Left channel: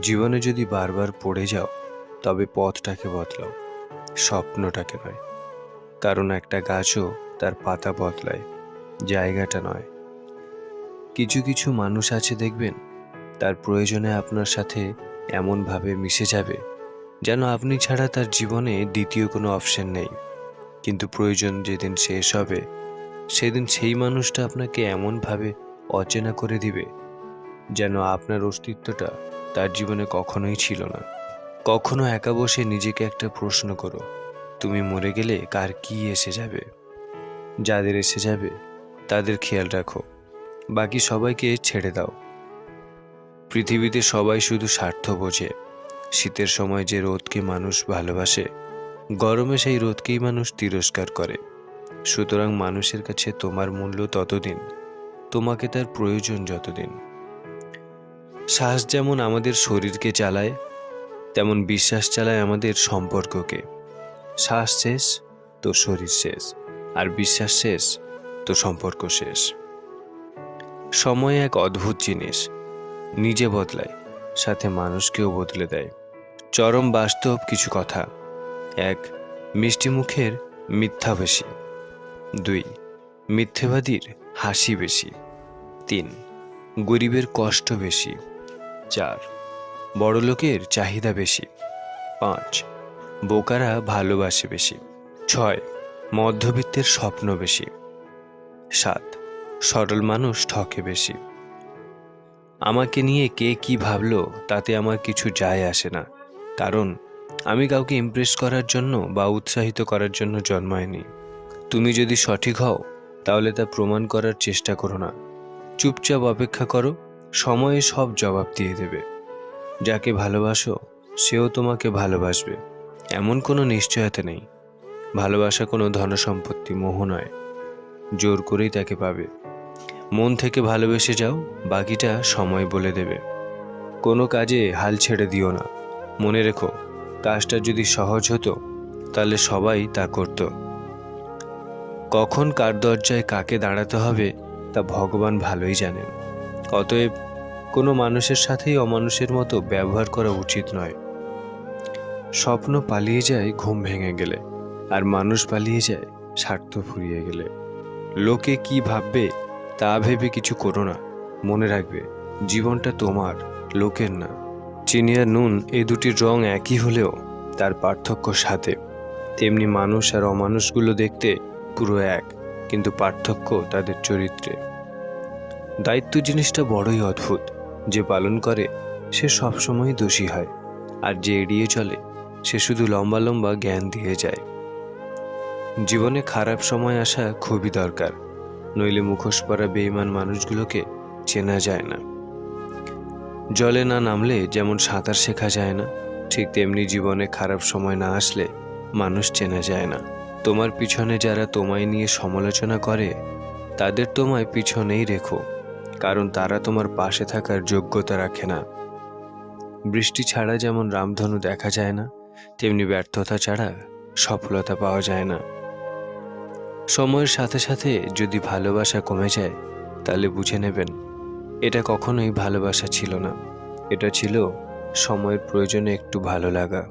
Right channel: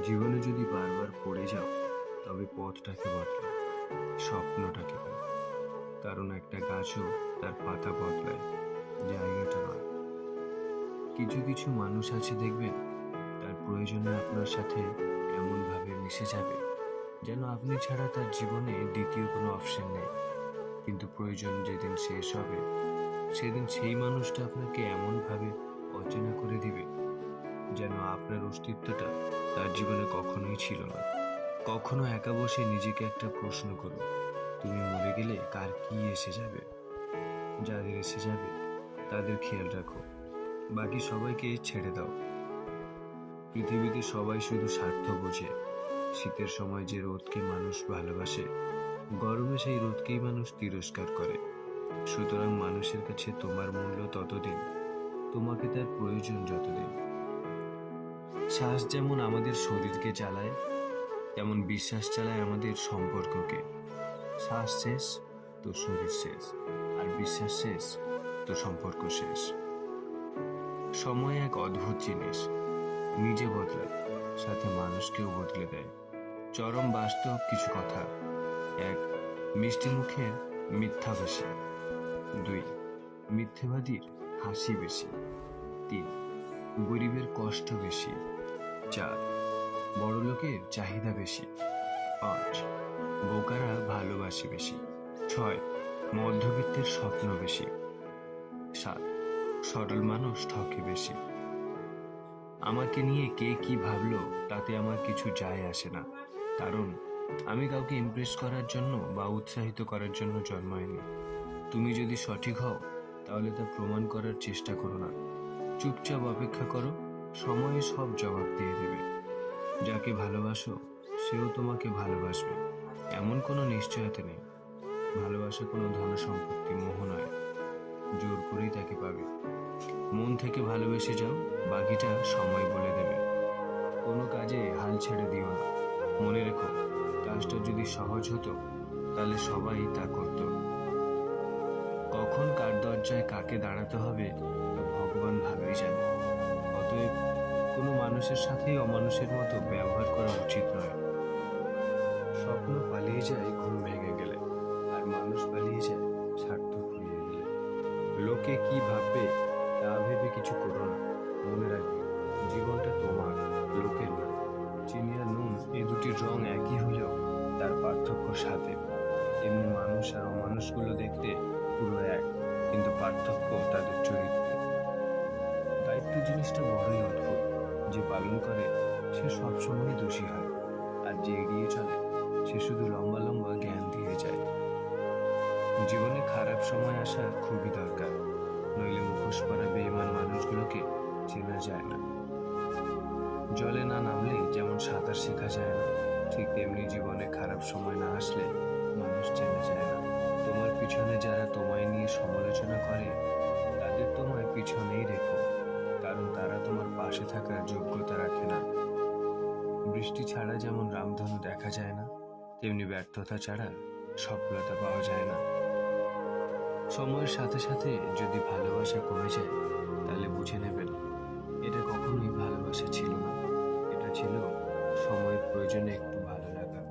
জীবনে যদি বারবার পড়ে যাও, তবে পথটাকে বদলাও, স্বপ্নটাকে নয়। কারণ একটা গাছও তার পাতা বদলায়, জায়গাটা নয়। কিছু কিছু মানুষ আছে দেখবেন, তার প্রয়োজনে আপনার সাথে এমনভাবে মিশে যাবে যেন আপনি ছাড়া তার জীবনে দ্বিতীয় কোনো অপশন নেই। কিন্তু প্রয়োজন যেদিন শেষ হবে, সেদিন সেই মানুষটা আপনাকে এমনভাবে অচেনা করে দিবে যেন আপনার অস্তিত্বটা তার জীবনে কখনোই ছিল না। কখনো একা বসে নিজেকে একটা প্রশ্ন করো, তুমি মরে গেলে কার কি এসে যাবে? যাদের এসে যাবে তাদের খেয়াল রাখো, বাকি সবাইকে ছেড়ে দাও। পৃথিবীতে সবাই শুধু স্বার্থ বোঝে। শীতের সময় যে রোদকে মানুষ ভালোবাসে, গরমে সেই রোদকেই মানুষ তিরস্কার করে। সুতরাং মানুষের কাছে তোমার মূল্য ততদিন, তোমাকে তার প্রয়োজন যতদিন। শ্বাস যেমন আমাদের শরীরকে চালায়, তেমন বিশ্বাস চালায় আমাদের সম্পর্ককে। শ্বাস শেষ তো শরীর শেষ, আর বিশ্বাস শেষ তো সম্পর্ক শেষ। সময় এক অদ্ভুত জিনিস, নিজে বদলায়, সাথে মানুষকেও বদলে দেয়। চরম বাস্তব কিছু কথা: 1. মিষ্টি মুখের মিথ্যা বেশি। 2. মিথ্যেবাদীর হাসি বেশি। 3. গরিবের কষ্ট বেশি। 4. বড়লোকের চাহিদা বেশি। 5. বোকারা ভালোবাসে বেশি। 6. মধ্যবিত্তের স্বপ্ন বেশি। 7. সরল মানুষ ঠকে বেশি। আমাকে নিয়ে কে কি ভাবলো তাতে আমার কিছু যায় আসে না, কারণ আমি কাউকে ইমপ্রেস করার জন্য বা উৎসাহিত করার জন্য জন্মাইনি। তুমি যদি সঠিক হও, তাহলে তা প্রমাণ করার চেষ্টা করো না। চুপচাপ অপেক্ষা করো, সময়ে সব জবাব দিয়ে দেবে। যাকে ভালোবাসো সেও তোমাকে ভালোবাসবে, এমন কোনো নিশ্চয়তা নেই। ভালোবাসা কোনো ধনসম্পত্তি, মোহ নয়। জোর করেই তাকে পাবে। মন থেকে ভালোবেসে যাও, বাকিটা সময় বলে দেবে। কোনো কাজে হাল ছেড়ে দিও না। মনে রেখো, কাজটা যদি সহজ হতো তাহলে সবাই তা করত। কখন কার দরজায় কাকে দাঁড়াতে হবে তা ভগবান ভালোই জানেন। অতএব কোনো মানুষের সাথেই অমানুষের মতো ব্যবহার করা উচিত নয়। স্বপ্ন পালিয়ে যায় ঘুম ভেঙে গেলে, আর মানুষ পালিয়ে যায় স্বার্থ ফুরিয়ে গেলে। লোকে কি ভাববে তা ভেবে কিছু করো না। মনে রাখবে, জীবনটা তোমার, লোকের না। চিনি আর নুন, এই দুটির রং একই হলেও তার পার্থক্য সাথে। তেমনি মানুষ আর অমানুষগুলো দেখতে পুরো এক, কিন্তু পার্থক্য তাদের চরিত্রে। দায়িত্ব জিনিসটা বড়ই অদ্ভুত। যে পালন করে সে সবসময় দোষী হয়, আর যে এড়িয়ে চলে সে শুধু লম্বা লম্বা জ্ঞান দিয়ে যায়। জীবনে খারাপ সময় আসা খুবই দরকার, নইলে মুখোশ পরা বেঈমান মানুষগুলোকে চেনা যায় না। জলে না নামলে যেমন সাঁতার শেখা যায় না, ঠিক তেমনি জীবনে খারাপ সময় না আসলে মানুষ চেনা যায় না। তোমার পিছনে যারা তোমায় নিয়ে সমালোচনা করে, তাদের তোমায় পিছনেই রেখো, কারণ তারা তোমার পাশে থাকার যোগ্যতা রাখে না। বৃষ্টি ছাড়া যেমন রামধনু দেখা যায় না, তেমনি ব্যর্থতা ছাড়া সফলতা পাওয়া যায় না। সময়ের সাথে সাথে যদি ভালোবাসা কমে যায়, তাহলে বুঝে নেবেন এটা কখনোই ভালোবাসা ছিল না, এটা ছিল সময়ের প্রয়োজনে একটু ভালো লাগা।